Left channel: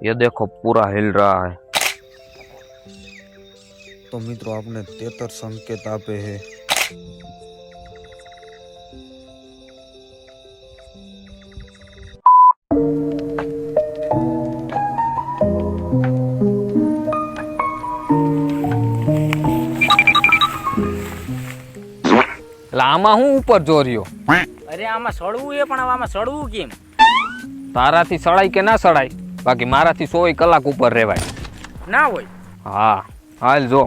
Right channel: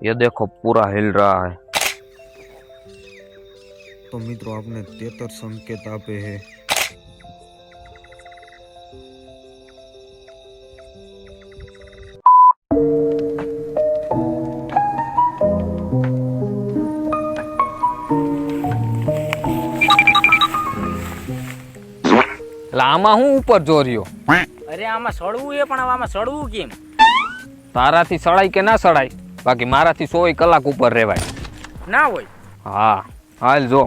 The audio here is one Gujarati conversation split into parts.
ये देखो पूरा हिल रहा है તો મિત્રો આપને તેતર સંકેત આપે છે એટલે આમાં હું ઉપર જોર્યો અરે આમાં સડવું એ પણ આમાં સડવું કેમ? તારાથી સડાય કે ના સડાય બાકી મારાથી સોય કલાક ઉપર રહેવાય. ના હોય. હા હાલ જો.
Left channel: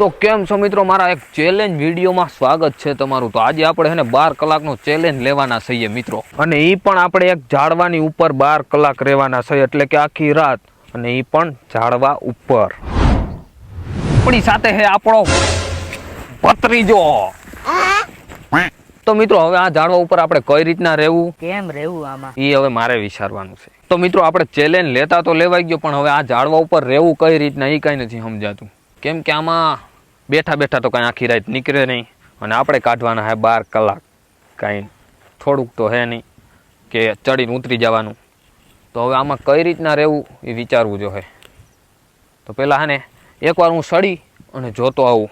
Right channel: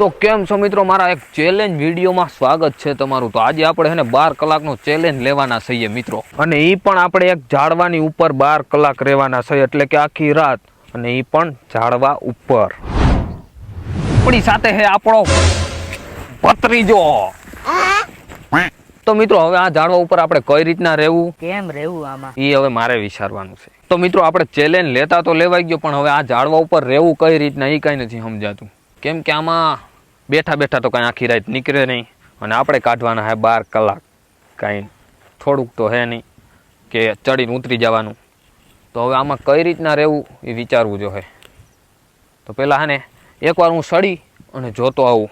તો કેમ છો મિત્રો? મારા એક ચેલેન્જ વિડીયોમાં સ્વાગત છે તમારું. તો આજે આપણે છે ને બાર કલાકનો ચેલેન્જ લેવાના છીએ મિત્રો. અને એ પણ આપણે એક ઝાડવાની ઉપર બાર કલાક રહેવાના છીએ એટલે કે આખી રાત. અને એ પણ ઝાડવા ઉપર. આપણી સાથે હે આપણો ભત્રીજો. તો મિત્રો હવે આ ઝાડવા ઉપર આપણે કઈ રીતના રહેવું? કેમ રહેવું આમાં? એ હવે મારે વિચારવાનું છે. તો મિત્રો આપણે ચેલેન્જ લેતા તો લેવાઈ ગયો પણ હવે આ ઝાડવા ઉપર રહેવું કઈ રીતના એ કાંઈ નથી સમજાતું. કેમ કે આમાં બેઠા બેઠા તો કાંઈ આખી રાત નીકળે નહીં. અને આપણે કાઢવાના હે બાર કલાક. કાંઈ થોડુંક તો હે નહીં કે ચડીને ઉતરી જવાનું. તો હવે આમાં કઈ રીતના રહેવું એ વિચારવું જોઈએ તો પહેલાં હે ને એકવાર હું સડી અને જોતો આવું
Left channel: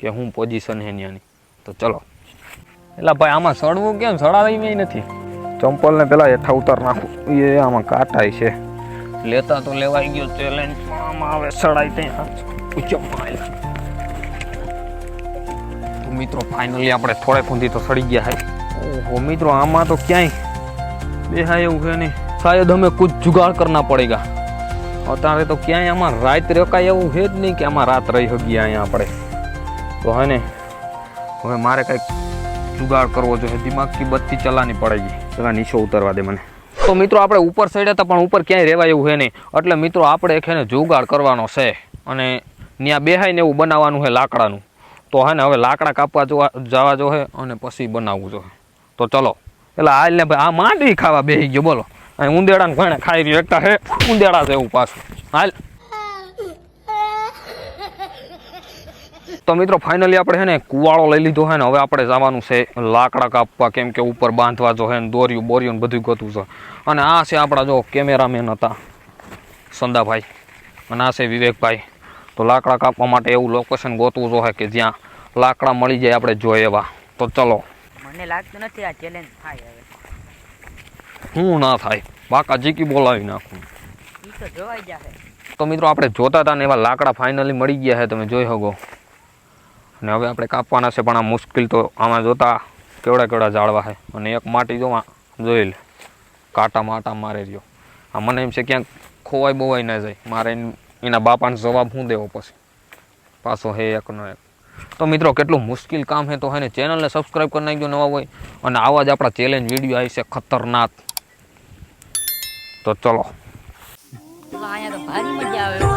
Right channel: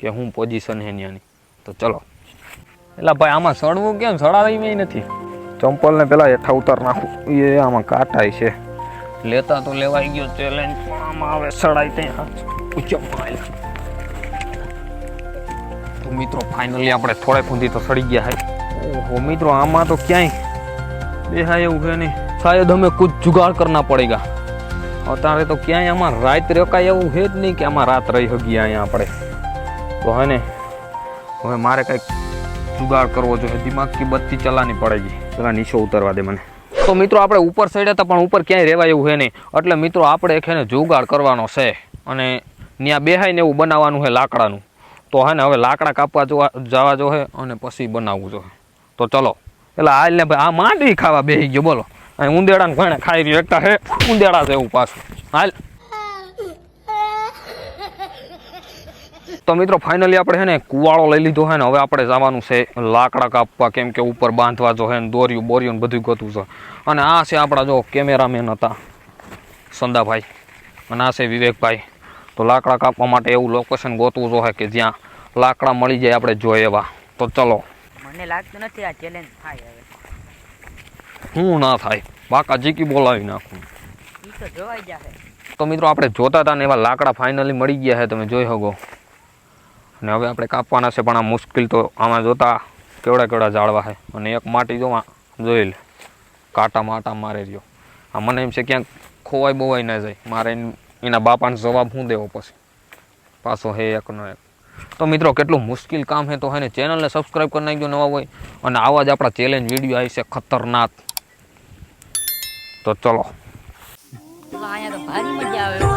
કે હું પોઝિશન હે ત્યાંની તો ચલો. એટલે ભાઈ આમાં સડવું કેમ? સડાવી નથી. ચંપલને પેલા હેઠા ઉતાર નાખું. એ આમાં કાટાય છે. લેતા તો લેવાઈ ગયો ચેલેન્જ આમાં આવે સડાય ત્યાં તો મિત્રો ફાઇનલી આપણે થોડે સુધી તો સડી ગયા હે. ઓહો મિત્રો આમાં તો ક્યાંય બે હા એવું છે નહીં. શાયદ અમે કુછ જુગાડ કરના પડેગા. અત્યારે તો ક્યાંય આમાં રાત રોકાય એવું છે જ નહીં કે આમાં રાત રહી શકીએ અહીંયા આપણે. તો હે ને, હવે મારે કંઈક જુગાડ કરવો જોઈએ. દિમાગ કી બત્તી ચલાની પડેગી. પેલા નીચે ઉતરવા દે મને. તો મિત્રો, આપણે ઉપર સાઈડ હતા, પણ ઉપર ક્યાંય રહેવાય એવું છે નહીં. એટલે મિત્રો, આપણે એક એને જુગાડ કરવાનો છે અને ત્યાં બેહાઈને એવું બનાવવાનું છે લાકડાનું. તો હે ને, હવે લાકડા કાપવા જોવા, જવા જોઈએ અને પછી બનાવવું જોઈએ તો ચલો. એટલે હાલ ને ભાઈ, આ માંડવી ખાવા બેસી ગયો, બોલો. અહીં ઉંદેડાને ઘણે ખાઈ રહ્યો. એકતા હે ઉંદેડા છે એવું પાછું. હાલ. તો મિત્રો ફાઇનલી આપણે છે ને કુવાળો લઈ લીધો છે ને હવે આપણે જવાનું છે લાકડા કાપવા કેમ કે ઉપર બાંધવા જો હે ને દોર્યું બોર્યું ને બધું ગોતું છે. અને આ છે આપણા જો કેમેરામેન હતા, સંદાભાઈ. અને આ છે વિવેકભાઈ. તો લાકડા કાપવા માટે એવું લોકેશન ગોતવું જોઈએ કે જ્યાં લાકડા મળી જાય આપણે જોઈએ એવા. તો ચલો. મને લાગતું નથી આ ચેલેન્જ થાય શું ના થાય. બાકા જીકી બોલાવી નાખું. તો મિત્રો આપણે જોતા હતા ને એવા લાકડા ફાઇનલી મળી ગયા છે. તમે જોઈ શકો. અને હવે આપણે કાપવાના છે, પણ આ મુશ્કેલ તો આમાં જોતા કેવડા કેવડા ઝાડવા છે. અને એક માટી જો જોઈ લે. કાંટા માટા મારે રહ્યો. આ મને એમ છે ક્યાંક ખોવાઈ બોવાઈ ના જાય. મારે એન- બાપાને જવાબ શું દેવો પછી? પાછો હે એકનો એક. તો મિત્રો કેટલું મુશ્કેલ કામ છે તો હે ને ચેનલને સબસ્ક્રાઈબ કરી નાખજો નવા હોય. અને આવા જ આપણા ચેલેન્જ વીડિયો આવી છે. ખતરનાક. તો ચલો અહીંયા તો ભારી મજા આવે એવો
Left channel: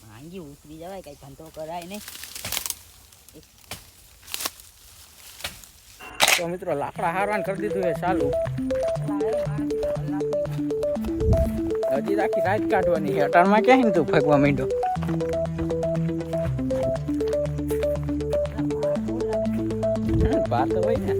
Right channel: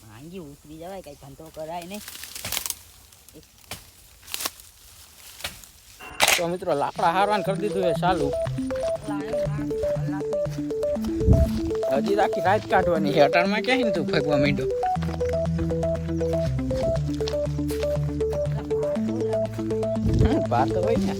ભાંગી ઉતરી જવાય કઈ ધંધો કરાય નહીં તો મિત્રો લાકડા હારવાન કરી દીધું છે ચાલુ હજી આખી રાત કાઢવાની છે અટાણમાં ક્યાં ને તું ફગવા માંડ્યો વાત હોય ને.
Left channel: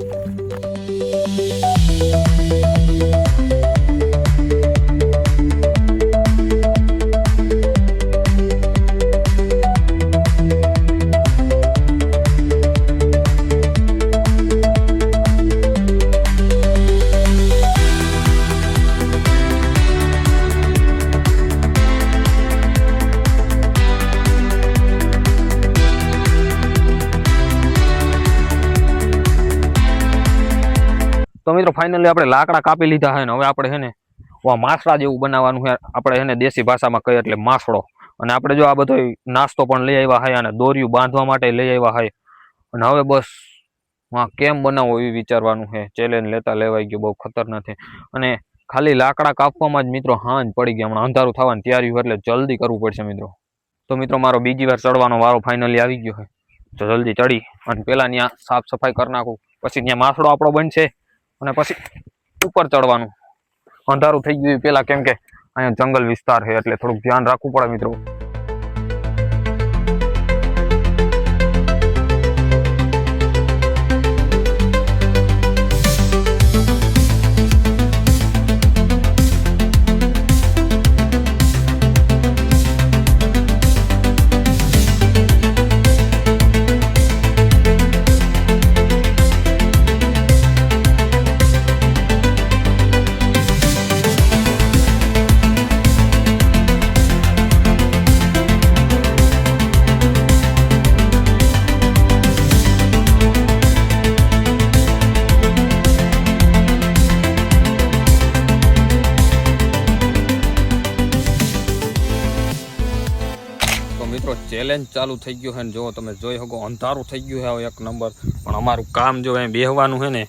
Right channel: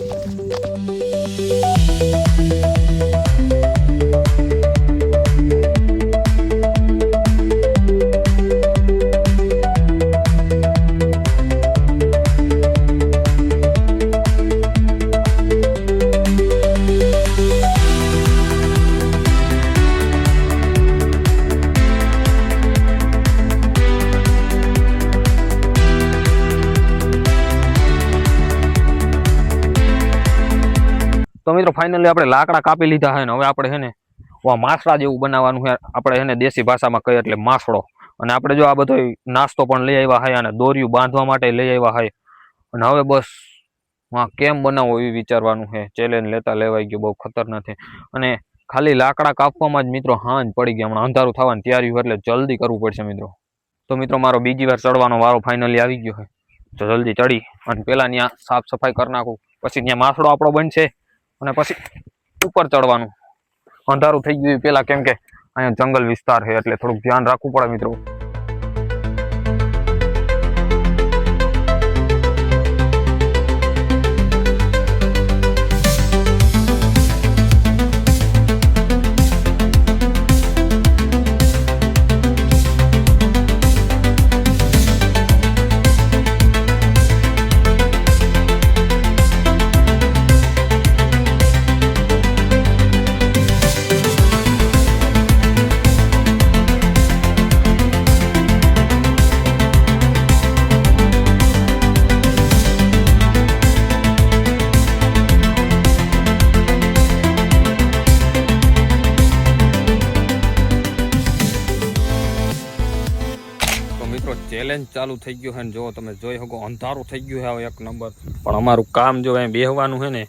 તો મિત્રો ફાઇનલી આપણે લાકડા કાપી લીધા છે ને, હવે આપણે છે ને માસડા જેવું બનાવવાનું છે. આપણે એને દેશી ભાષામાં કહીએ એટલે માસડો અને આપણે જો આ બધો નાસ્તો પણ લઈ આવ્યા હોય અને દોર્યું બાંધવા માટે લઈ આવ્યા હોય અને હવે બસ હા કેમ બનાવવો એ વિચારવાનું છે. ચેલેન્જ લેતા લેવાઈ ગયો, બહુ ખતરનાક છે. અને ખાલી લાકડા કાપવામાં જ મિત્રો હાંજ પડી ગયા હમણાં અંધારું થવાની તૈયારી એટલે જલ્દી કરવું પડશે મિત્રો. તો મિત્રો, મારો બીજી વાર ચડવાનો વારો ફાઇનલી આવી ગયો છે. તો જલ્દી ચડી અને પેલા ત્યાં સાફ સફાઈ કરી નાખું. પછી ત્યાં માસડો આપણો બનશે. અને પછી ઉપર ચડવાનું. અંધારું થઈ ગયું પેલા કેમ કે અહીંયા જંગલ વિસ્તાર છે, એટલે થોડુંક ધ્યાન રાખવું પડે મિત્રો. ચેલેન્જ ચાલુ થઈ ગયું છે ને જો તમે જોઈ શકો, અંધારું થઈ ગયું છે હવે એક નંબર. પણ અમારું કામ જો અહીં બેહવાનું છે ને,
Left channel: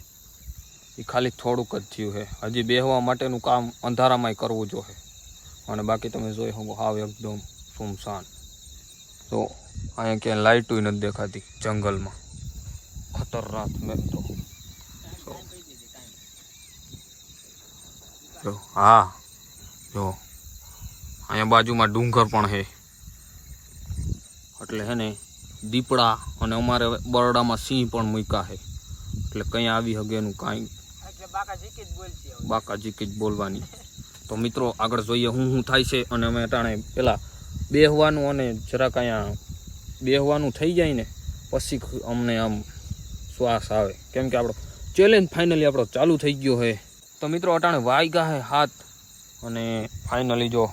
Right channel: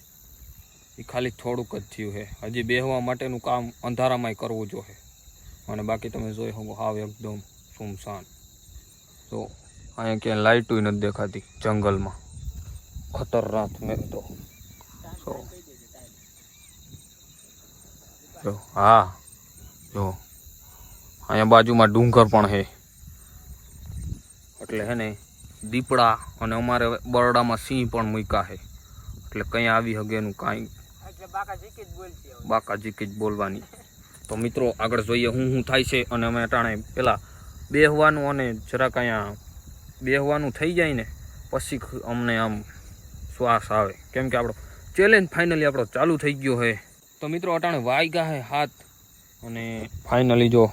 એ ખાલી થોડુંક જ થયું છે. હજી બેહવા માટેનું કામ અંધારામાંય કરવું જોઈએ અને બાકી તમે જોઈ શકો, હાવ એકદમ સુમસાન. તો અહીંયા ક્યાંય લાઇટું નથી દેખાતી જંગલમાં. ખતરનાક મેં તો હા. જો. અહીંયા બાજુમાં ડુંગર પણ છે. એટલે હે ને, દીપડા અને અમારે બરોડામાં સિંહ પણ મૂક્યા છે. એટલે કંઈ આવી હગેનું કાંઈ. બાકાજી જ બોલવાની. તો મિત્રો, આગળ જોઈએ હું શું થાય છે અને અમે અટાણે પેલા બેહવાનું અને જરાક અહીંયા બેહવાનું થઈ જાય ને, પછી અમને આમ શ્વાસ આવે. કેમ કે આપણો ચેલેન્જ ફાઇનલી આપણો ચાલુ થઈ ગયો છે. તો મિત્રો, અટાણે વાગ્યા છે હાથ. અને ફાઇનલી જો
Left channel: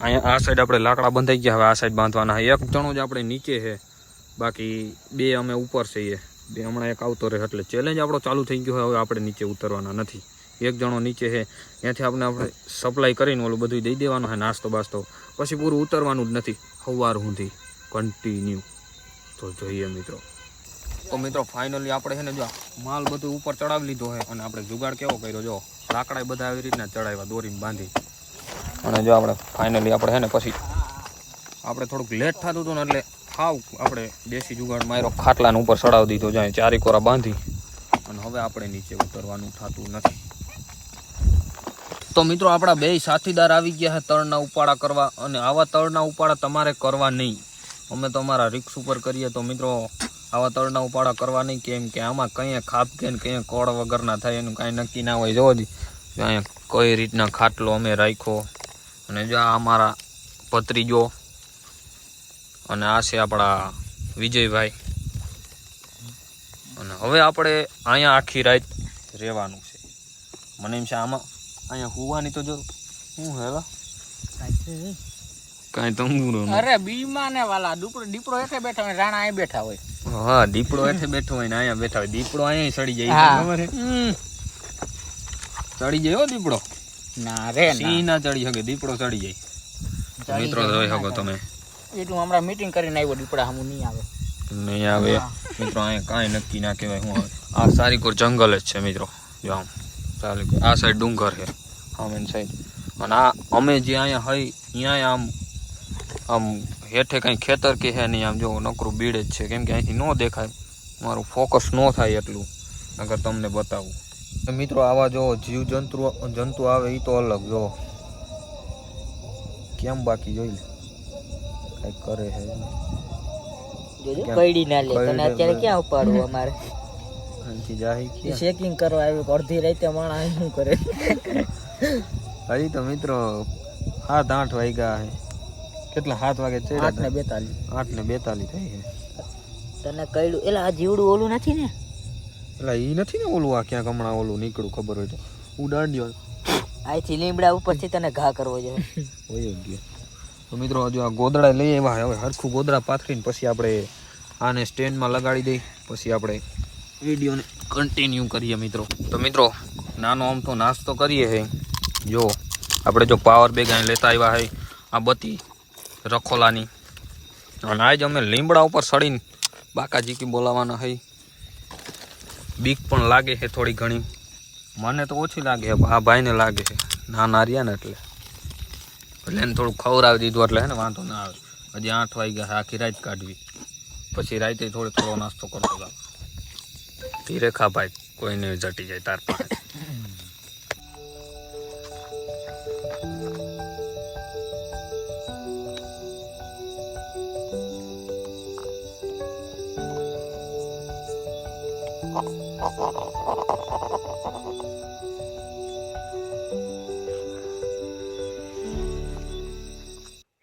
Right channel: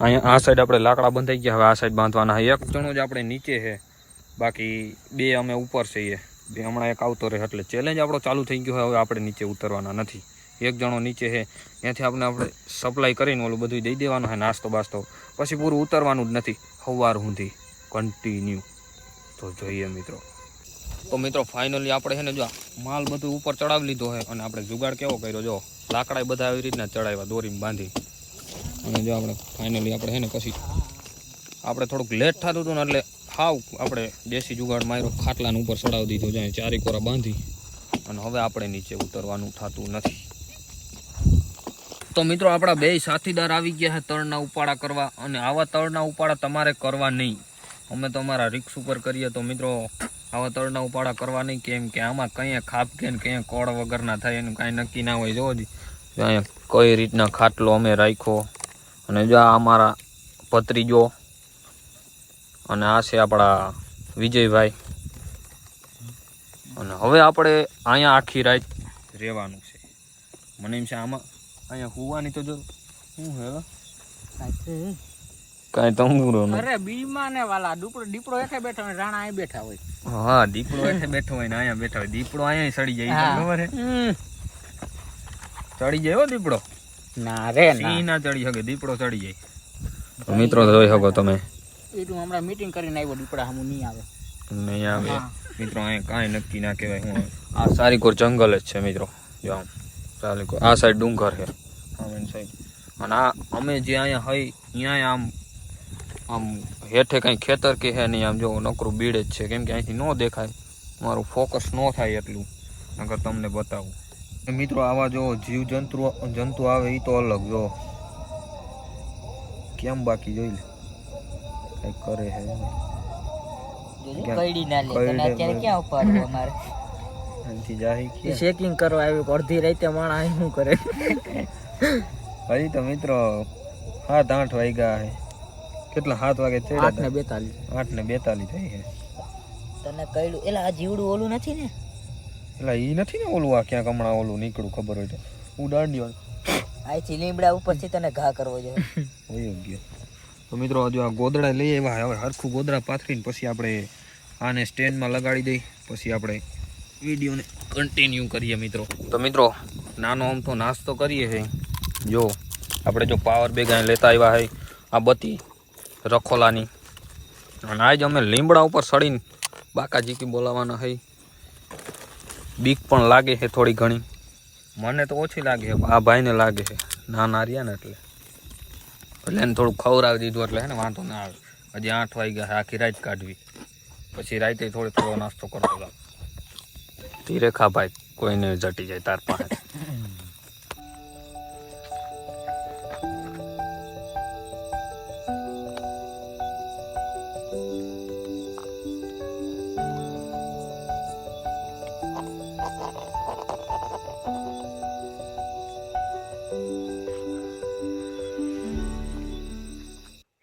અહીં આ સાઈડ આપણે લાકડા બંધાઈ ગયા, હવે આ સાઈડ બાંધવાના એક જણો જ આપણે નીચે છે. બાકી બે અમે ઉપર છીએ. બે હમણાં એક આવતો રહે એટલે ચેલેન્જ આપણો ચાલુ થઈ ગયો હોય, હવે આપણે નીચે ઉતરવાના નથી. એક જણો નીચે છે. ત્યાંથી આપણે આપણે સપ્લાય કરીને ઓલું બધું દઈ દેવાનું છે, નાસ્તો બાસ્તો. પછી પૂરું ઉતરવાનું જ નથી. સવાર સુધી કન્ટિન્યુ તો જોઈએ મિત્રો. તો મિત્રો ફાઇનલી આપણે છે ને જો માલ બધું ઉપર ચડાવી લીધો છે, અને આપણે જુગાડ કેવો કર્યો, જો લાકડા બધા આવી રીતના ચડાવ્યા, દોરીને બાંધી. અને જો આપણે ફાઇનલી આપણે છે ને પછી આપણે થોડુંક લેટ થતું હતું ને એટલે હાવ આપણે દેશી જુગાડ માર્યો, ખાટલાને ઉપર ચડાવી દીધો, જાય ચારી કોરા બાંધી. અને હવે આપણે નીચે ઉતરવાનું થતું નથી. તો મિત્રો, આપણા બે સાથીદાર આવી ગયા છે તળના ઉપાડા કરવા અને આવા તળના ઉપાડા તમારે કરવા નહીં. અમે તો અમારા રિક્સ ઉપર કરીએ તો મિત્રો, આવા તળના ઉપાડા કરવા નહીં કેમ કે આમાં કંઈ ખાપ કે ને કંઈ કોળ વગરના થાય, એનું કાંઈ નક્કી ના હોય. જોવો જ અહીંયા કઈ રીતના ખાટલો અમે રાખ્યો અને જો આ અમારા ભત્રીજો અને આ છે આપણા વિજયભાઈ. અને હવે આપણે અહીંયા આખી રાત રહેવાનું છે. મને એમ છે આમાં અહીંયા હોવાની તો જો શું હે હવે? કાંઈ તંબુરો અરે બીમાં ને વાલા દીપડો દીપડો એઠે બેઠા હોય રાણા અહીં બેઠા હોય. હા દીપડો એઠે બેઠો હોય ને અહીંયા બેઠા હોય. દીપડો અહીંયા સડી જાય ખબર હે. ચડી જાય હો દીપડો. ના રે સિંહ ના ચડી શકે? દીપડો ચડી જાય. મિત્રો જોઈ શકો તમે. એટલું હમણાં મીટિંગ કરીને આવ્યો દીપડા હમું નહીં આવે. નહીં આવે. મિત્રો અહીંયા કાંઈ નક્કી ના કહેવાય. હું. આ સારીકોર જંગલ જ છે મિત્રો. જો આમ સારીકોર. આ સાઈડ ડુંગર છે આમ એની સાઈડ અને આ અમે જે અહીંયા હોય અહીંયા આમ આમ હેઠે કંઈ ખેતર કે હે નહીં આમ જો નકરું બીડ જ છે. કેમ કે અહીંથી ન દેખાય. મારું ફોકસ ન થાય એટલું. અગર તમને બતાવું. મિત્રો આવા જો જીવ જંતુ જંતુ આવે એ તો અલગ જો. કેમ બાકી જોઈ લે. કઈ કરે છે એમ. જોજો કેમ? કઈડી ના લે. અત્યારે ક્યાં ઉપાડવું અમારે? અહીંથી જાહી? ચેકિંગ કરવા આવ્યું અડધી રાતે માણા અહીં શું કરે? હજી તો મિત્રો સાત આઠ વાગ્યા હે. કેટલા? સાત વાગે ચડ્યા આઠ ને બેતાલીસ. આઠ ને બેતાલીસ થઈ છે તને કઈડું એલા આ જીવડું ઓલું નથી ને? એટલે એ નથી ને ઓલું આ ક્યાંક હમણાં ઓલું નીકળું ખબર હોય તો. ઉડાડ્યો. અહીંથી લીમડા ઉપરથી તને ઘા કરવો જોઈએ હોય ગયો તો મિત્રો હજુ આ ગોદડા લઈ આવ્યા. હવે હરખું ગોદડા પાથરીને પછી આપણે આને સ્ટેન્ડમાં લગાડી દઈ. પછી આપણે વિડીયોને કન્ટિન્યુ કરીએ મિત્રો. તો મિત્રો નાનો આમ તો નાસ્તો કરીએ હે. જો આપણે જો પાવર બેગ અહીં લેતા આવ્યા હે આ બત્તી રખોલાની. અને આજ અમે લીમડા ઉપર સડીને બાકાજીકી બોલાવાના છે બીક પણ લાગે છે થોડી ઘણી. મને તો ઓછી લાગે છે. આ ભાઈને લાગે છે. નાના રહ્યા ને એટલે. એટલે એને થોડું ખવડાવી દીધું એટલે હે ને વાંધો ના આવે. હજી આઠ વાગ્યા આખી રાત કાઢવી. પછી રાતે થોડો થોડો નાસ્તો કરતો ધીરે ભાઈ કોઈને જટી જાય તાર પાસે.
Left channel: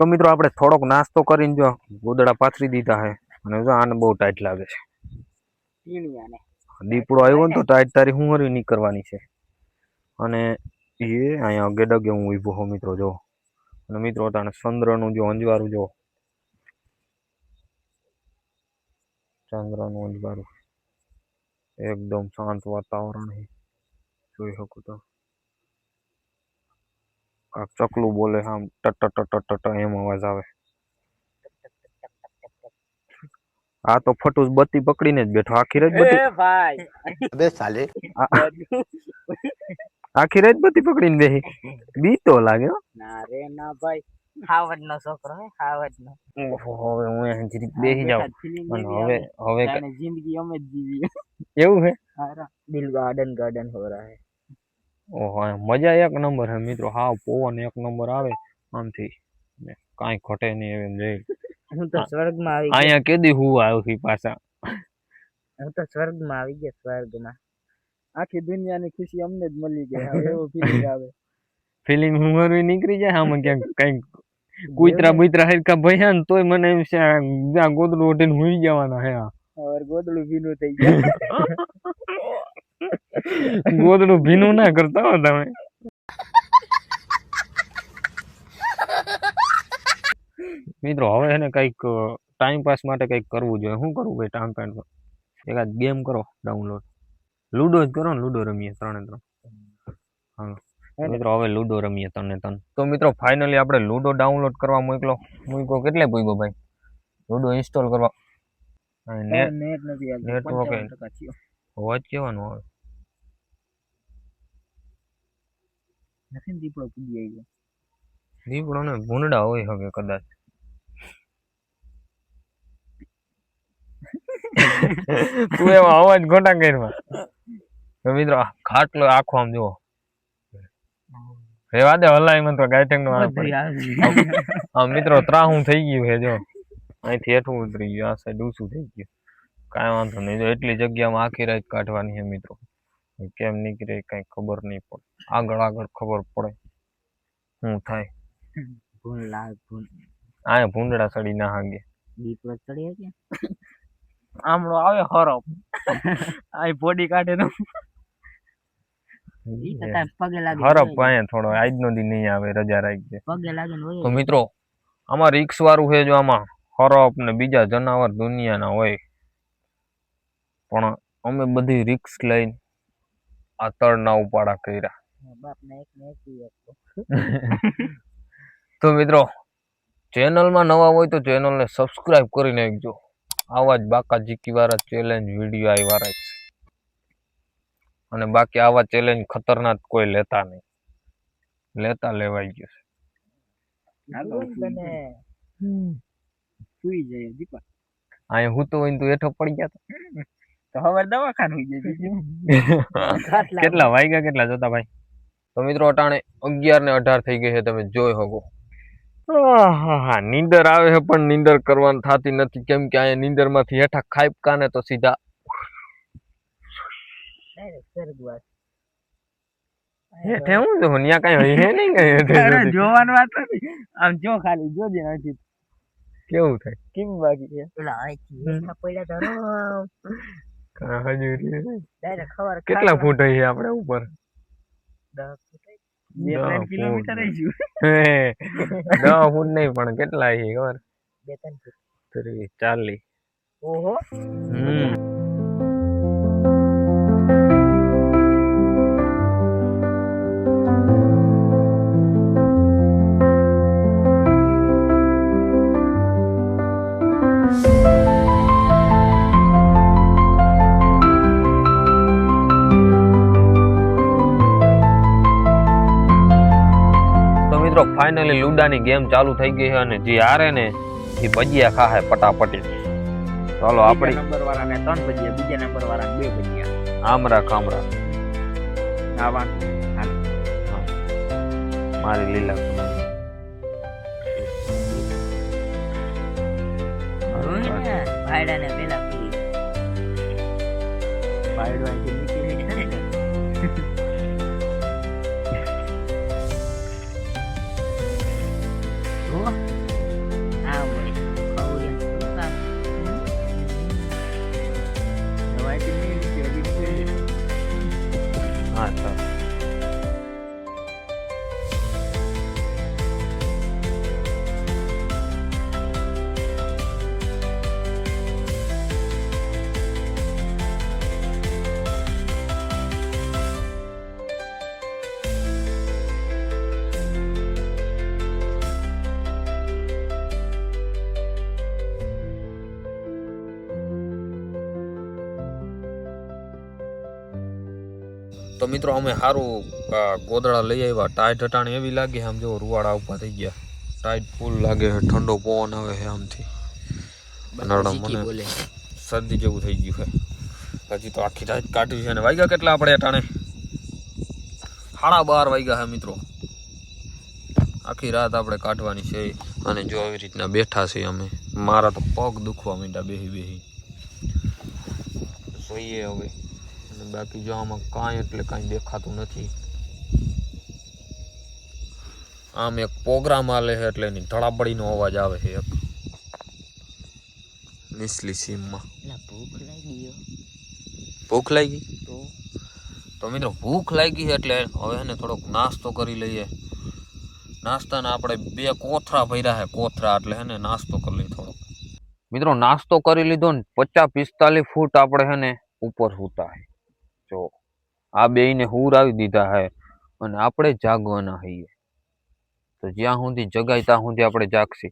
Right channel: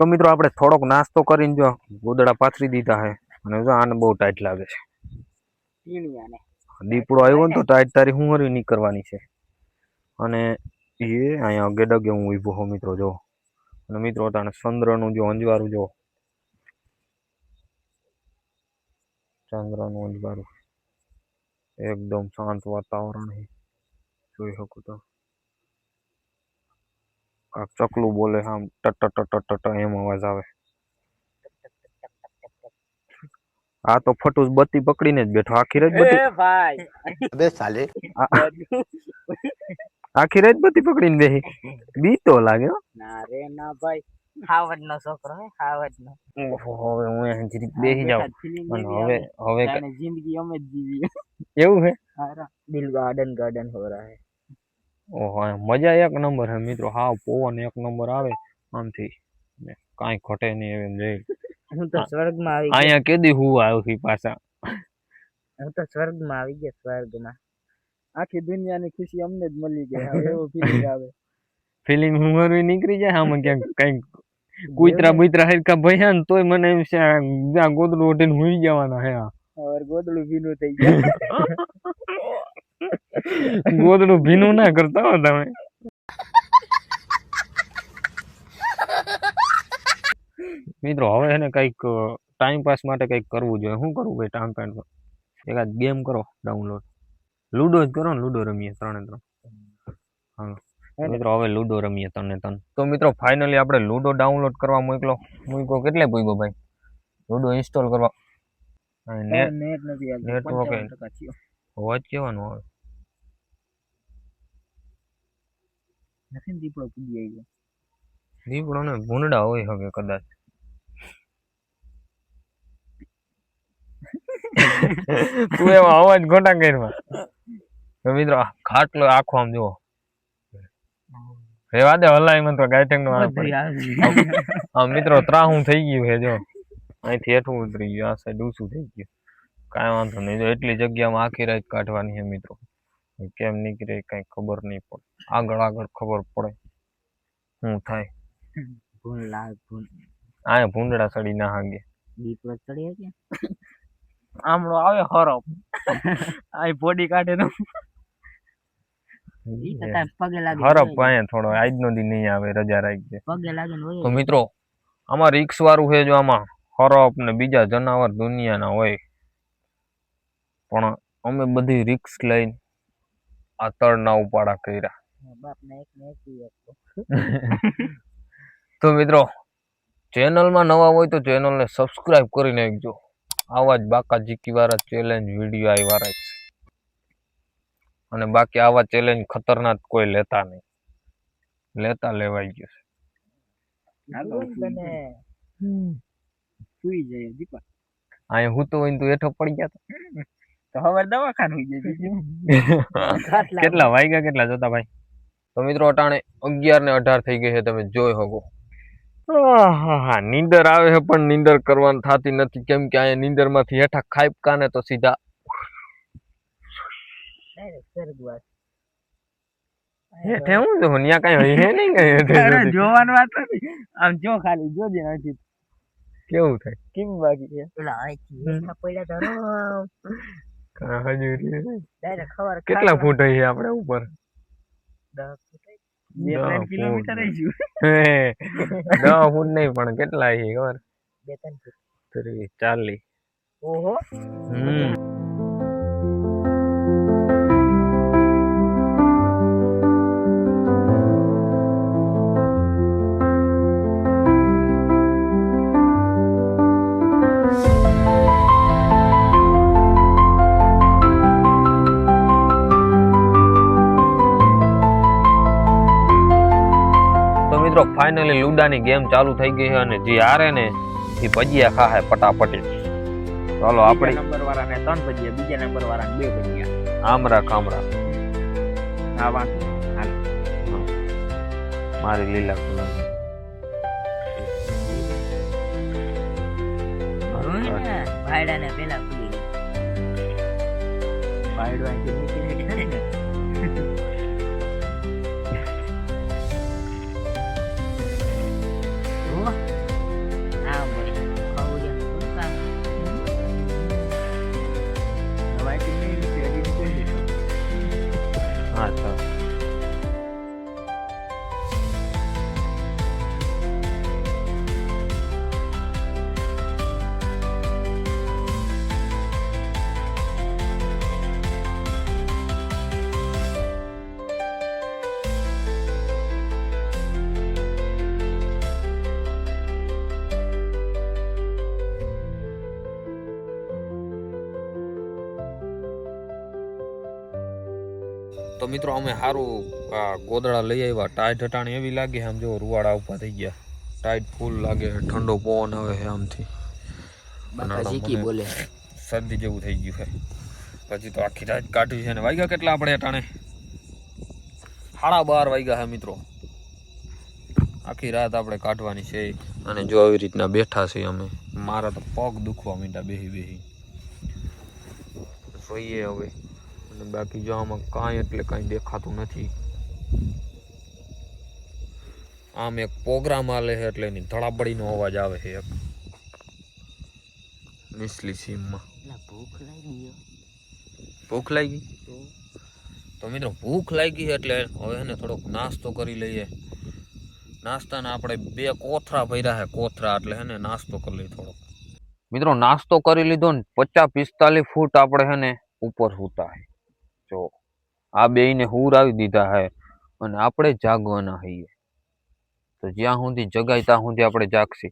તો મિત્રો આપણે થોડોક નાસ્તો કરીને જો ગોદડા પાથરી દીધા છે અને જો આને બહુ ટાઈટ લાગે છે. દીપડો આવ્યો ને તો ટાઈટ તારી હું હરી નીકળવાની છે. અને એ અહીંયા અગે ડગે હું ઊભો હો મિત્રો જો. અને મિત્રો તાણે ચંદ્રનું જો અંજવારું જો. ચંદ્રનું અંજવારું. એકદમ શાંત વાતાવરણ છે જોઈ શકું તો. ચકલું બોલે આમ ટટ ટટ ટટ ટટ એમ અવાજ આવે. આ તો ફટુસ બત્તી પકડીને જ બેઠો. આખી રાત બત્તી એ ભાઈ. અબે સાલે. આખી રાત બત્તી પકડીને બેહી. બીતો લાગે ના રે ના ભાઈ. હાવડ નો છોકરો હે હાવડ નો ઓહો હવે હું અહીં જરીક બેહી જાઉં. અને હવે હવે જિંદગી અમે જ જીવી એવું હે? હારા. દિલ ગાર્ડન ગાર્ડન હો રહા હે. ઓહો મજા એક નંબર હે મિત્રો. હાવ પવન એક નંબર આવે આમથી. કાંઈ ઘટે નહીં એમ જઈ હું તો સ્વર્ગમાં આવી અહીંયા કેદી હું આવ્યો છું પાછા? હું તો સ્વર્ગમાં આવી ગયો સ્વર્ગમાં. આખી દુનિયાની ખુશી અમને જ મળી ગઈ. એવો ફીલિંગ આવે. ફિલિંગ હું નીકળી જાય આમાં ક્યાંક કંઈક કુતરા બુતરા હરખા ભયા ને તોય મને એમ છે ગોદડું ઓઢીને હુઈ જવાના હે આ. ગોદડું ભીનું થઈ ગયા. ગોદડું ભીનું ના કરતા હો તમે. મિત્રો હવે એને કંઈક ટાઈમ પાસ માટે કંઈક કરવું જોઈએ. શું કરવું ભાઈ ટાઈમ પાસ એકાદ ગેમ કરો ડાઉનલોડ લૂડો જ કરો ને લૂડો રમીએ ત્રણે ત્રણ. હા મિત્રો હવે લૂડો રમીએ તને તન તો મિત્રો ફાઇનલી આપણે લૂડો ડાઉનલોડ કરવા મોકલો. મૂક્યો કેટલે પૂગ્યો ભાઈ? લૂડો ઇન્સ્ટોલ કરવા. નેટવર્ક ને નેટ નથી આવતું Network એ. 55% થયો. અવાજ કેવાનો આવે નથી દીપડો પૂજી આવ્યો. દીપડો ને ભૂંડા હોય હવે કદાચ. તું એમાં અવાજ ખોટા કરવા તો મિત્રો આ ખાટલો આખો આમ જુઓ. રેવા દે હલાય મને તો ગાયઠેંગ નો આવે. આ મિત્રો ત્રાહું થઈ ગયું છે જો. અહીંથી હેઠું ઉતરી ગયું આ સાઈડ ઊંચું થઈ ગયું. કાંઈ વાંધો નહીં જો એટલી જગ્યામાં આખી રાત કાઢવાની છે મિત્રો. કેમ નીકળે કઈ ખબર નહીં પડે. આગળ આગળ ખબર પડે શું થાય. આયા આ ભૂંડડા સડી ના હાગે. દીપડો ચડી હકે? આમળો આવે હરફ આ બોડી કાઢે લાગે હરફ અહીંયા થોડો આજનો દી નહીં આવે રજા રાખજે. પગે લાગે તો મિત્રો આમાં રિક્સ વાળું છે જો આમાં હરફ ને બીજા જનાવર દુનિયાના હોય. પણ અમે બધી રિક્સ લઈને આ તળના ઉપાડા કર્યા. બાપ ને એક ને એક ઈ એક. તો મિત્રો ચેનલમાં નવા હોય તો ચેનલને સબસ્ક્રાઇબ કરી નાખજો આવા જ બાકા જીકી વાળા ચેલેન્જ વીડિયો આવ્યા રાખશે અને બાકી આવા ચેલેન્જ ખતરનાક કોઈ લેતા નહીં. લેતા લેવાઈ ગયો છે. અહીંયા હું તો હોય તું હેઠો પડી ગયા તો હવે દવાખાનું જાય કેટલા વાગ્યા કેટલા જોતા ભાઈ? તો મિત્રો અટાણે અગિયાર ને અઢાર થઈ ગઈ છે તમે જોઈ શકો. હા નીંદર આવે છે પણ નીંદર કરવાની થતી નથી. કેમ કે અહીંયા નીંદરમાંથી હેઠા ખાઈપકા ને તો સીધા હેઠે હું કઈ હે નહીં કઈ હેઠે જોવાનું વાત નથી. આમ જો ખાલી જોજે અહીંથી કેવું થાય? કેમ બાકી છે પેલા અહીંથી પડ્યા તો ખબર કેટલા ફૂટ છે આપણે ઉપર. બે ત્રણ ફૂટ. કિલોમીટર દસ ફૂટ નહીં પણ કેટલા છે ખબર? બે ત્રણ ફૂટ ત્રીસ ચાલીસ. ઓહો. હમ. ફાઇનલી લુડાની ગેમ ચાલુ થઈ ગઈ છે અને જે હારે ને એ ભજીયા ખાહે પટાપટી ચાલો આપણે નંબર વાળા ને ત્રણ ભજીયા બીજા નંબર વાળા ને બે ભજીયા આમરા ખામરા હા વાંધો મારી લીલા કલર. જોયું ને પેલા ખુલી ભાઈડો અહીંથી નીકળી ને. माय किन्नी नहीं चाहिए नहीं चाहिए हाँ अच्छा મિત્રો અમે સારું ગોદડા લઈ આવ્યા. ટાઈટ હટાણી એવી લાગે આમ જો રૂવાડા ઉપા થઈ ગયા. ટાઈટ ફૂલ લાગે છે ઠંડો પવન આવે છે આમથી. મને શરદી જેવું થઈ ગયું છે. હજી તો આખી રાત કાઢી છે. અને વાગ્યા કેટલા આપણે અટાણે? સાડા બાર વાગ્યા છે મિત્રો. આખી રાત આપણે કાઢવાની છે. અને જો આવી રીતના બેઠા છીએ અમે. મારા તો પગ દુખવા માંડ્યા બેહી બેહી. જોઈએ હવે. અને બાકી જો આમાં કાંઈ એટલે કાંઈ દેખાતું નથી. આમ એક પ્રોગ્રામ આલે છે એટલે એની ધડાબડીનો અવાજ આવે છે એક. નીચલી સીમમાં. ભૂખ લાગી ભૂખ લાગી? તો? મિત્રો ભૂખ લાગી છે એટલે હવે એને થોડોક નાસ્તો કરી લઈએ. નાસ્તાને આપણે બે કોથરા ભર્યા છે કોથરા એટલે હે ને નાસ્તો કરી લઈએ થોડોક. મિત્રો નાસ્તો કરી લીધો ને પચાસ પિસ્તાલીસ ફૂટ આપણે હે ને ઉપર સૂતા છે. જો આ બેયને હુરાવી દીધા હે અને આપણે જાગવાના હઈએ. તો જ્યાં સુધી જગાય ત્યાં સુધી આપણે જાગશી.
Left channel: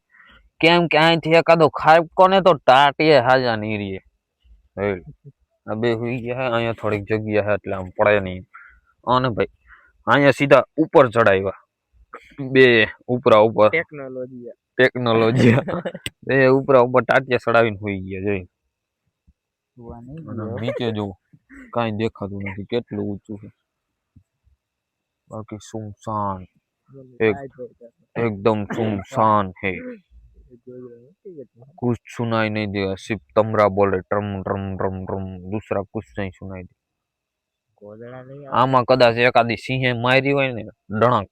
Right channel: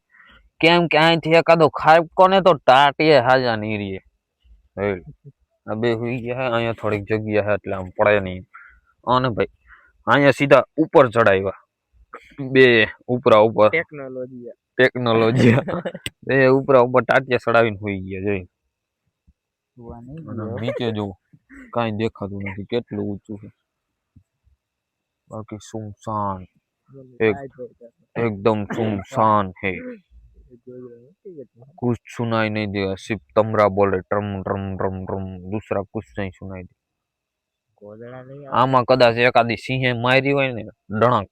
કેમ કે અહીંથી એકાદો ખાઈ કોને તો ટાટીએ હાજા નહીં રહીએ. આ બે હોઈ ગયા હે અહીંયા થોડીક જગ્યા હે એટલે આમ પડે નહીં. અને ભાઈ અહીંયા સીધા ઉપર ચડાવ્યા. બે ઉપરા ઉપર. ટેકનોલોજી ટેકનોલોજી બે ઉપરા ઉપર ટાટિયા ચડાવીને હોઈ ગયા જોઈ નીચે જો કાંઈ દેખાતું નથી કેટલું ઊંચું છે બાકી સુમસાન એક एकदम सुनसान है कुछ सुनाई नहीं देगा सिर्फ तमरा बोल रहे ट्रम ट्रम ट्रम ट्रम दूसरा कुछ नहीं सुनाई दे ગોદડા લઈ આમાં કદાચ એકાદી સિંહે મારી હોય ને ડણક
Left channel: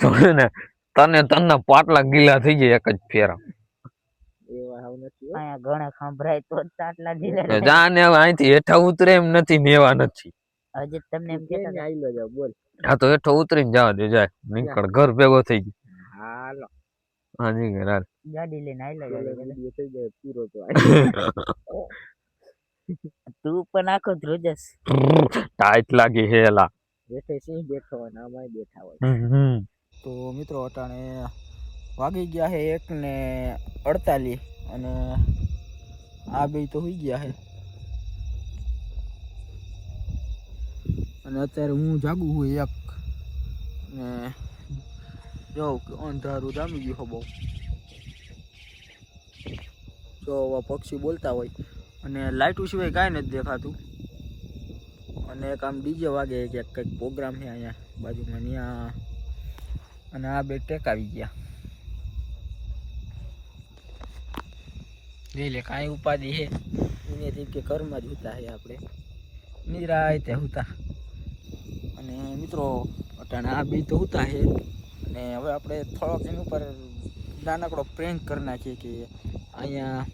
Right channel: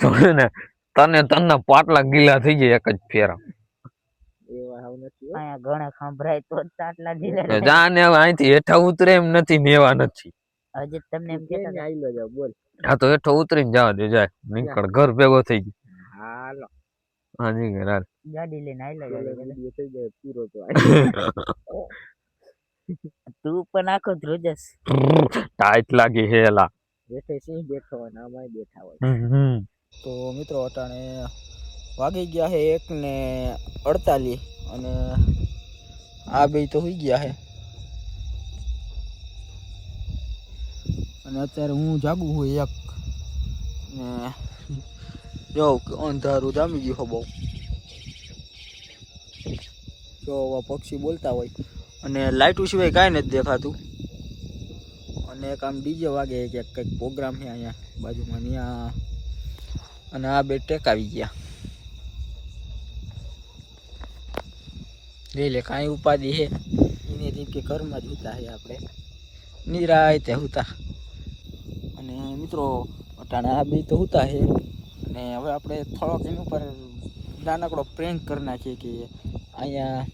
તો હે ને તને તનના પાટલા ગીલા થઈ જાય એક જ ફેરા એવા હાવ નથી હો. અહીંયા ઘણા ખંભરાય તો તો જીલે જાને હવે અહીંથી હેઠા ઉતરે એમ નથી મેવા નથી. હજી તમને એમ આઈલો જાવ બોલ. આ તો હેઠો ઉતરીને જવા દે જાય નીકળ ઘર ભેગો થઈ ગયો. હાલો. હા હાલ. ગાડી લઈને ગાડી વીડિયો થઈ જાય પૂરો તો તું પણ આખો ધ્રુજસ ટાઈટ લાગી હેલા બેઠે સિંહ બેઠો હોય ને આમાંય બેઠા હોય. તો મિત્રો અટાણે વાગી ગયા છે એક ને અડતાલીસ અને આ બે તો હોઈ ગયા છે અને અત્યારે હું જાગું છું એક ને જો અંધારું જામી ગયું બહુ. જો પક્ષી બોલતા હોય. અને લાઇટો સિવાય કાંઈ નથી દેખાતું. અને એક આમ ડીજે વાગે કે કંઈક પ્રોગ્રામ છે અહીંયા બાજુમાં ત્યાં અને આ બે ટેકાવી ગયા. લઈ લે કાંઈ ઉપાધિ હે. એને રીત કે ઘરમાં જ હુતા હે આપણે. નિરાય તે હુતા. અને મિત્રો અટાણે આ બે તો હુતા હે. અને હવે આપણે થોડોક એની ઉપર નાનકડો પ્રેન્ક કરી નાખીએ કે અહીંયા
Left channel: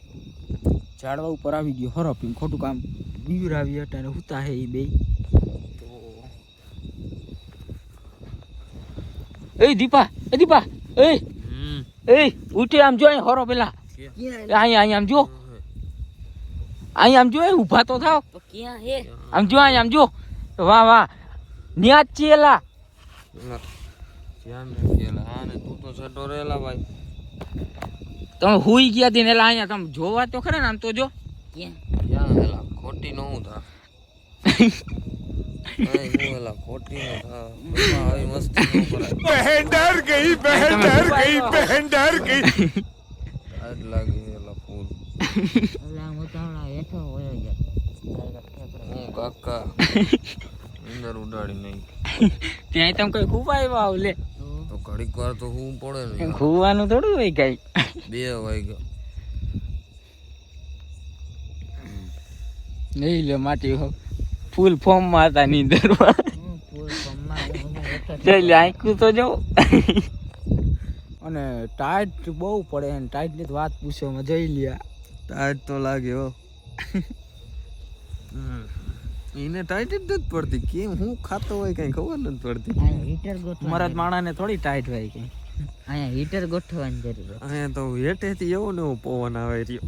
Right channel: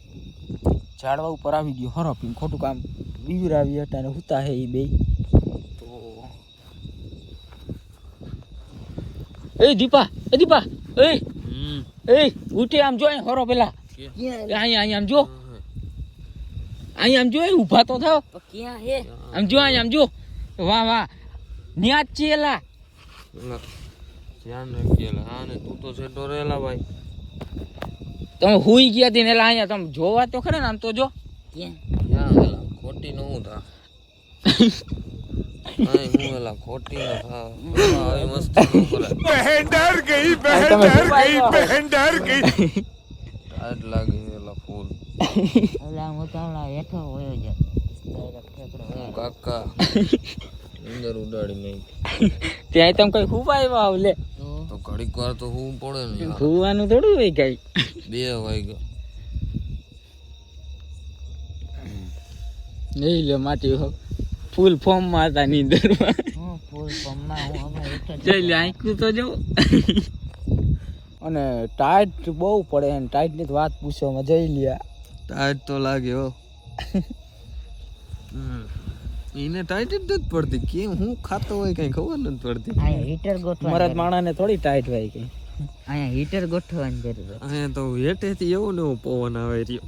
ઝાડવા ઉપર આવી ગયો હરફીને ખોટું કામ બીવરાવી અટાણે હુતા હે એ બે. તો એ દીપા એ દીપા એ એ ઉઠી આમ જો હરો પેલા. અહીંયા અહીંયા આમ જો. અહીં આમ જો એ ઊભા તો થાવ. ક્યાં હે? આમ જો અહીં આમ જો. વાહ વાહ. ન્યા ચેલા. ધ્યાન રાખજે હા ને તું તો છેટો રહેલા ભાઈ. તમે હુઈ ગયા હતી ને એટલે અહીંયા તમે જોવા તો ખરા ને આમ તો જો. ક્યાં? ક્યાં હેલા ખોટી નો હું થા. આય હું હેલા ખોટી નો થા. બાપા, આવી મસ્તી નો કરાય. તમે બહેન ડર ગઈ. ટાઈટ લાગી હેલા ફૂલ. એટલે હું તો હમણાં હેઠો હોયો જ. હું કાકા અંદર ઉડાડી નાખ. ત્યાં તમે કઈ ખૂબ આવ્યા આવ લે. તો? ઘડીક વાર તો હું પડે ને યાર. થોડું હોય કઈ. બે વાગ્યા. નહીં લે માટી હો. ફૂલ ફોર્મમાં હતા નીંદરમાં. હું ફૂલ હું હમણાં હેઠો એટલે આંકું તો જો. અને ટાઈટ બહુ પડે ને ટાઈટની તો વાત પૂછવામાં જઈ લ્યા. ટાઈટ તો લાગે હો. એને ટાઈટ જ નથી પડતી. કેમ? હું ખાતો હોય કઈ ખબર નથી પડતી. અહીંયા હીટર ગોઠવા મારા માણાને થોડી ટાઈટ હોય કઈ અહીંયા હીટર ગોઠવવાની જરૂર. અહીંયા તો હેઠેથી એવો ને એવો પવન આવે રહ્યો.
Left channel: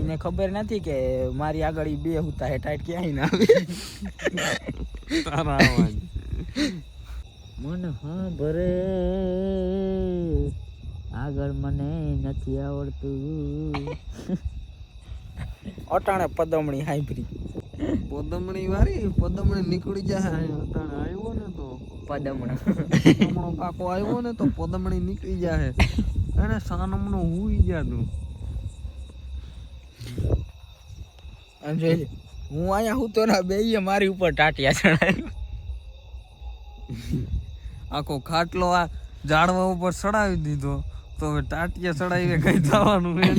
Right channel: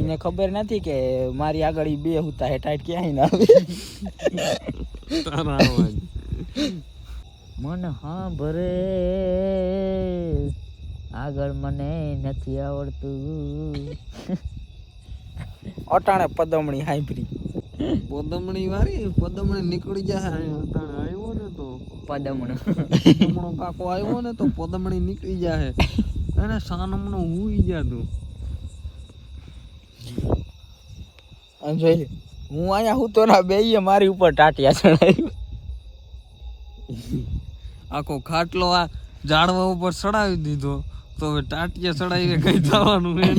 એને ખબર નથી કે મારી આગળ ઈ બે હુતા હે ટાઈટ ક્યાંય ના આવે. તારા અવાજ મન હા ભરે આગળ મને નથી આવડતું. અટાણે પદમણી હાઈભરી પદમણી વાળી પદમણી નીકળી જાય અટાણે. આવ્યો ને તો. પદમણ. પદમણો કાકો આવ્યો ને તો પદમણી નીકળી જાય એને સાનમનો હુઈ જાતું અને જોઈ લે હું અહીંયા હુતો ના બેય મારી ઉપર ટાટિયા ચડાવી. આખો ખાટલો આ ઝાડવા ઉપર ચડાવી દીધો. તો હવે ટાટિયા ચડાવીને કઈ થવાનું હે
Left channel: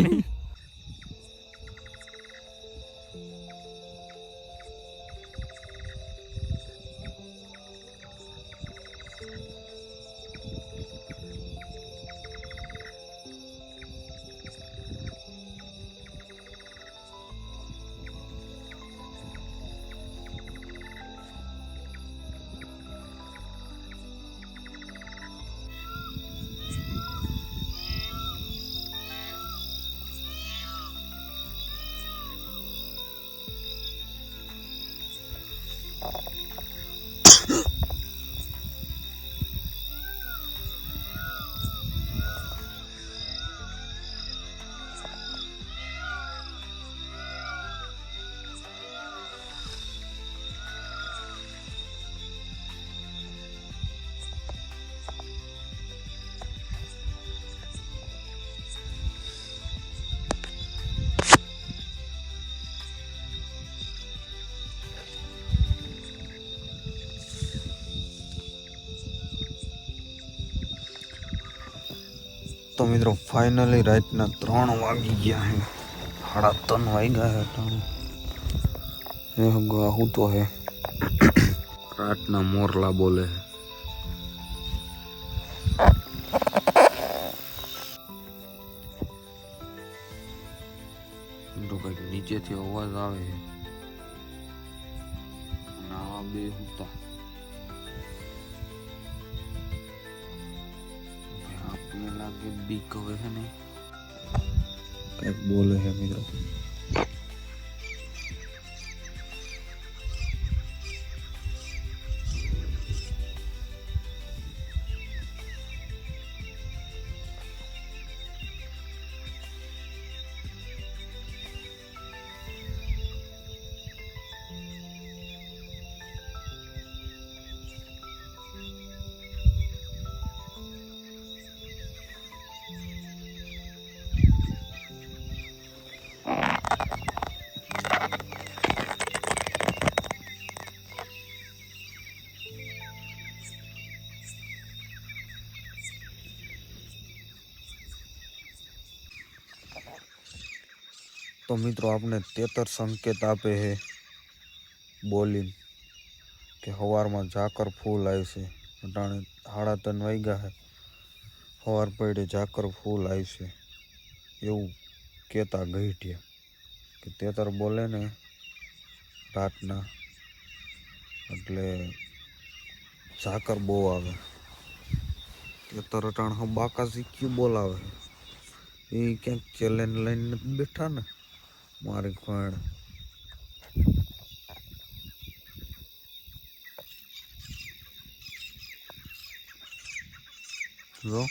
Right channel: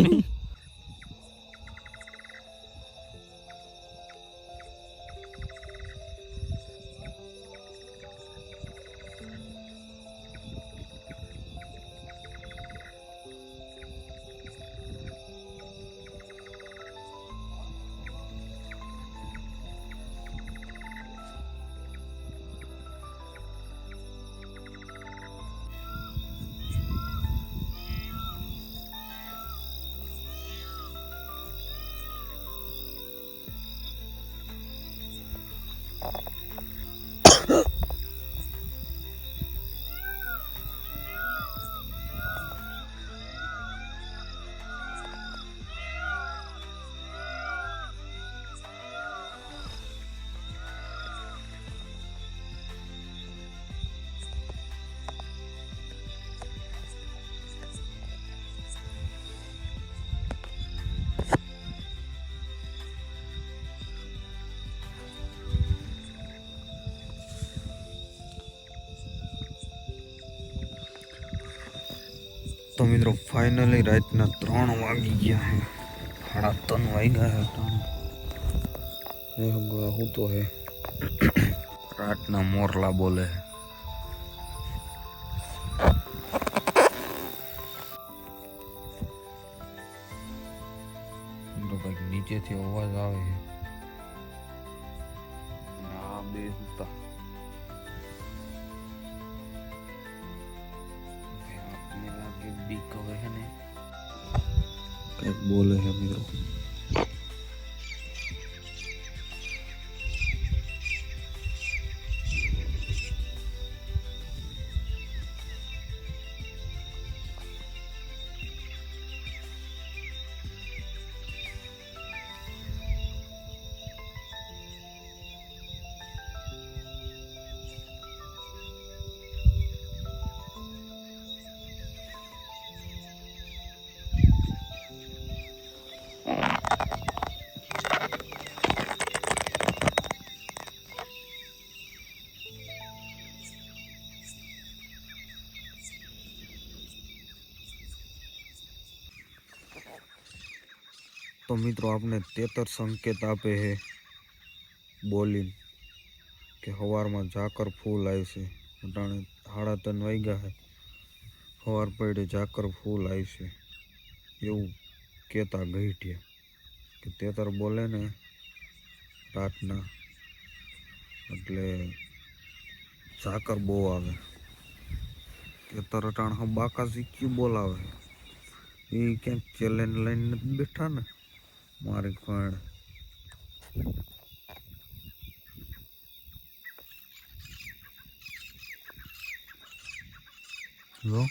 તો મિત્રો ફાઇનલી રાતના ત્રણ વાગી ગયા હે. સાડા ત્રણ વાગ્યા હે ત્રણ. હું તો હે. રાતના મોરલા બોલે હે. તો કંઈક નીચેથી અવાજ આવે છે તો મિત્રો આપણે તેતર સંકેત આપે છે બોલીને કે સવારમાં ઝાકર ફૂલ આવશે અટાણે સાડા ત્રણ વાગ્યા છે સવાર પડે ઝાકર ફૂલ આવશે એવું કહેતા ગઈઠ્યા કે તેતર બોલે ને રાતના એટલે ઝાકર બહુ આવે. તેતર અટાણ હા બાકા શીખ્યું બોલાવે એ ક્યાંક ચેલેન્જ લઈને બેઠા ને મારી પણ જો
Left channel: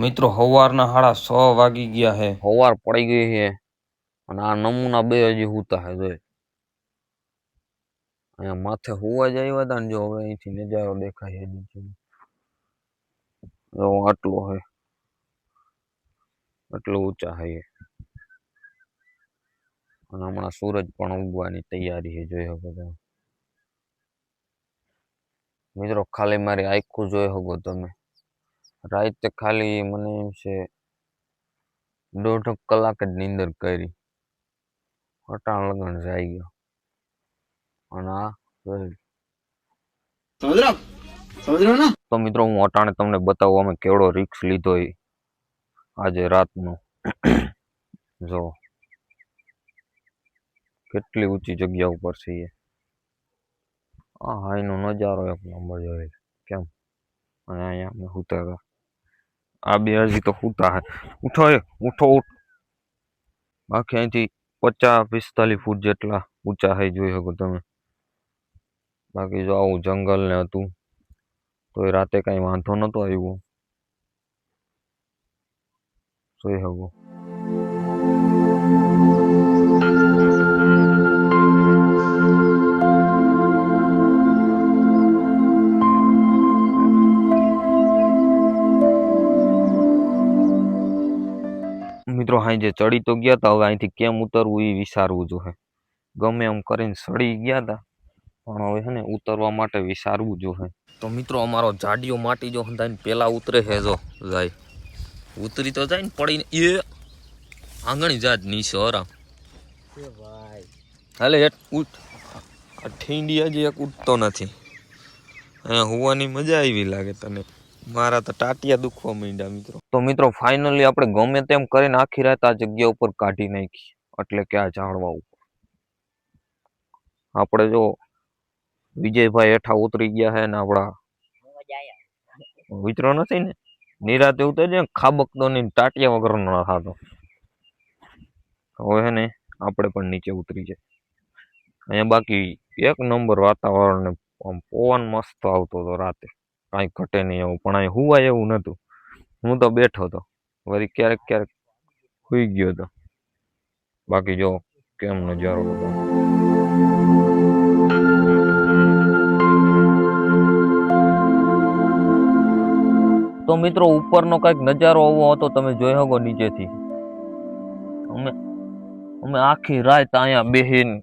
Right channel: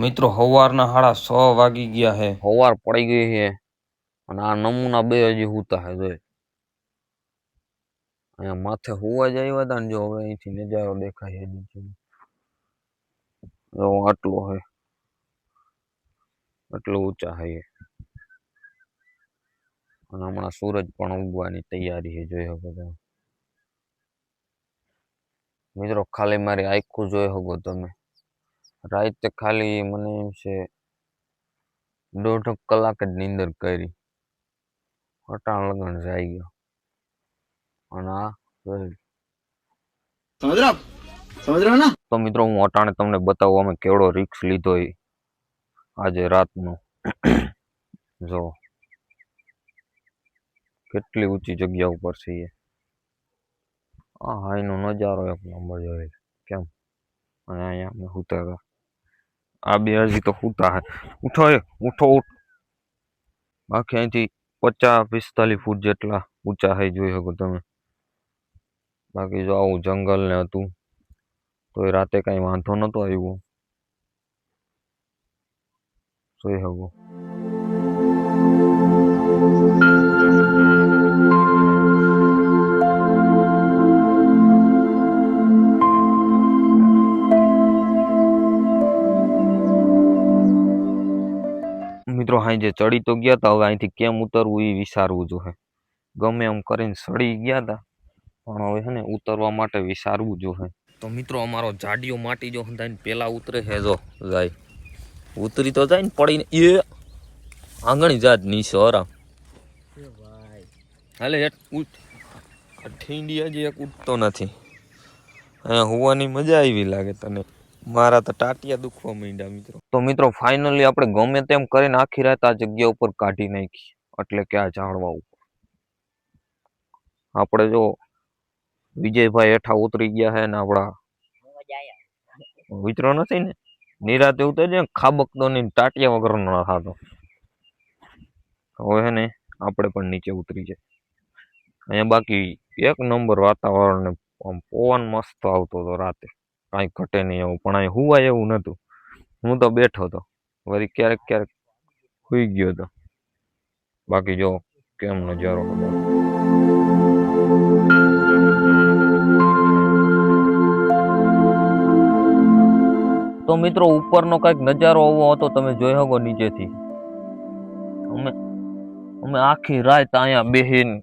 મિત્રો સવારના સાડા છ વાગી ગયા છે સવાર પડી ગઈ છે અને આ નમૂના બે હજી હુતા છે જોઈ અહીંયા માથે હુવા જ આવ્યા હતા ને જો હવે અહીંથી નજારો દેખાય છે નીચેનો જો આટલો છે આટલું ઊંચા છે એ. અને હમણાં સૂરજ પણ ઉગવાની તૈયારી છે જોઈ શકો તમે મિત્રો, ખાલી મારી આખું જોઈ શકો તમે. રાતે ખાલી મને એમ છે દોઢ કલાક જ નીંદર કરી. અટાણ લગન જાય ગયો. અને આ જોઈ. સમજ રહ્યો? સમજ રહ્યો ને? તો મિત્રો હું અટાણે તમને બતાવું અમે કેવડો રિક્સ લીધો એ આજે રાતનો. જો. કેટલી ઊંચી જગ્યા ઉપર છે એ. આ હાઈનો નજારો એક નંબર જોઈએ કેમ? અને અહીંયા અમે સૂતા હતા. આ બે હજી તો સૂતા હે. ઉઠો ઉઠો, ઉઠ. બાકી અહીંથી પચાસ, પિસ્તાલીસ ફૂટ જેટલા ઊંચા હાઈ જોઈ શકો તમે. બાકી જો આવું જંગલ ને હતું, તો એ રાતે કાંઈ વાંધો નહોતો આવ્યો. જોઈ શકો. હાઈ જે ચડી તો ગયા હતા હવે અહીંથી કેમ ઉતરવું એ વિચારવું જોઈએ ગમે એમ કરીને ચડી ગયા હતા પણ હવે છે ને ઉતરવા માટે વિચારવું જોઈએ તો મિત્રો અમારો જાડિયો માટી જો હંધાઈને પેલા ઉતરે છે જો જાય. ઉતરી તો જાય ને પડીને એ આંગણી જાત નીચે હરા ભાઈ. હાલે હેઠ ઉઠ. હજી એક ઉઠતો નથી. અહીંયા હોવાની મજા આવી લાગે તને. મારા તો ટાટિયા દુખવા માંડ્યા મિત્રો. તો મિત્રો ફાઇનલી આપણે ગમે તેમ કરીને આખી રાત આ જગ્યા ઉપર કાઢી નાખી. એટલે કે આ ઝાડવા ઉપર. આપણે જો વિજયભાઈ હેઠા ઉતરી ગયા છે ને આપણા મજા આયા વિતરો નથી ને? નિરાતે ઉતરજે ખાબકતો નહીં ટાટિયા વગરનો ના થતો હવે હે ને, આપણે પણ નીચે ઉતરી જાય. અહીંયા બાકી એક નંબર વાતાવરણ ને આમ પવન મસ્ત આવતો હતો રાતે. કાંઈ ઘટે નહીં એવું, પણ અહીં હુવાય એવું નહોતું. હું તો બેઠો હતો. વળી ક્યારેક ક્યારેક સુઈ ગયો હતો. બાકી જો કેમ નજારો હતો. તો મિત્રો, ઉપરનો કંઈક નજારો આવો હતો, તમે જોઈ શકો નીચેથી. અમે અમે આખી રાત અહીંયા બેહીન,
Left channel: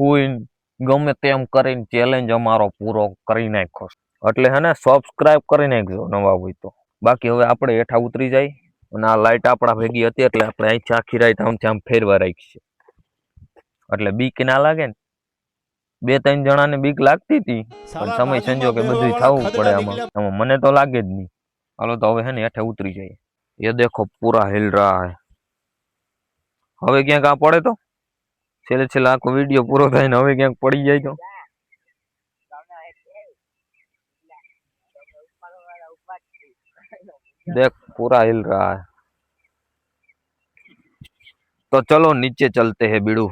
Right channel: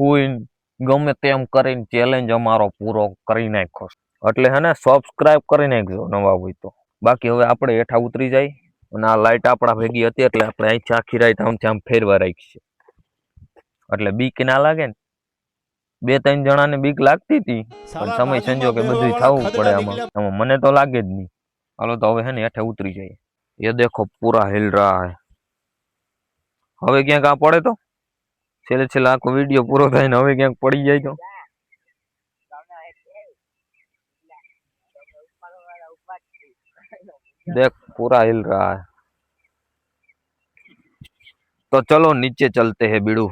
હોઈને, ગમે તેમ કરીને ચેલેન્જ અમારો પૂરો કરી નાખ્યો. એટલે હે ને સબસ્ક્રાઇબ કરી નાખજો નવા હોય તો. બાકી હવે આપણે હેઠા ઉતરી જાય અને આ લાઇટ આપણા ભેગી હતી એટલે આપણે અહીંથી આખી રાઈટ આમથી આમ ફેરવા રાખીએ એટલે બીક ના લાગે ને. બે ત્રણ જણા ને બીક લાગતી હતી પણ સમય સંજોગે બધું થવું પડે આમાં. આમાં મને તો લાગે જ નહીં. હાલો તો હવે હે ને હેઠે ઉતરી જાય એ દેખો પૂરા હિલ રહા હે. હવે ક્યાંક આ પડે તો? છેલ્લે છેલ્લે આખો વીડિયો પૂરો થાય ને હવે ક્યાંક પડી જાય તો? देख पूरा हिल रहा है તો ચલો નીચે ચલતે હે બીડું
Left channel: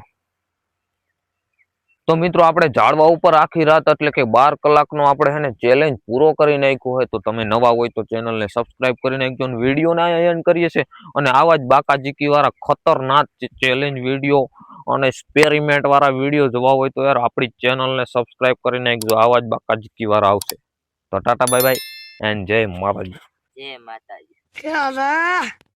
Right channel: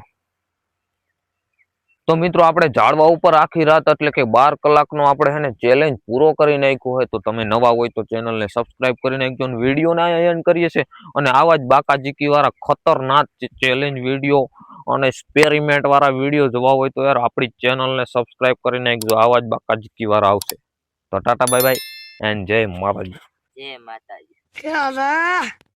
તો મિત્રો આપણે ઝાડવા ઉપર આખી રાત એટલે કે બાર કલાકનો આપણે હે ને ચેલેન્જ પૂરો કરી નાખ્યો હોય તો તમે નવા હોય તો ચેનલને સબસ્ક્રાઇબ કરી નાખજો અને વિડીયોને એન્ડ કરીએ છીએ અને આવા જ બાકાજીકી વાળા ખતરનાક ચેલેન્જ વિડીયો અને એક્સપેરિમેન્ટ વાળા વિડીયો જોવા હોય તો યાર આપણી ચેનલને સબસ્ક્રાઇબ કરી નાખજો આવા જ બાકાજીકી વાળા આવશે તો ટાટા બાય બાય એન્ડ જય માતાજી જય માતાજી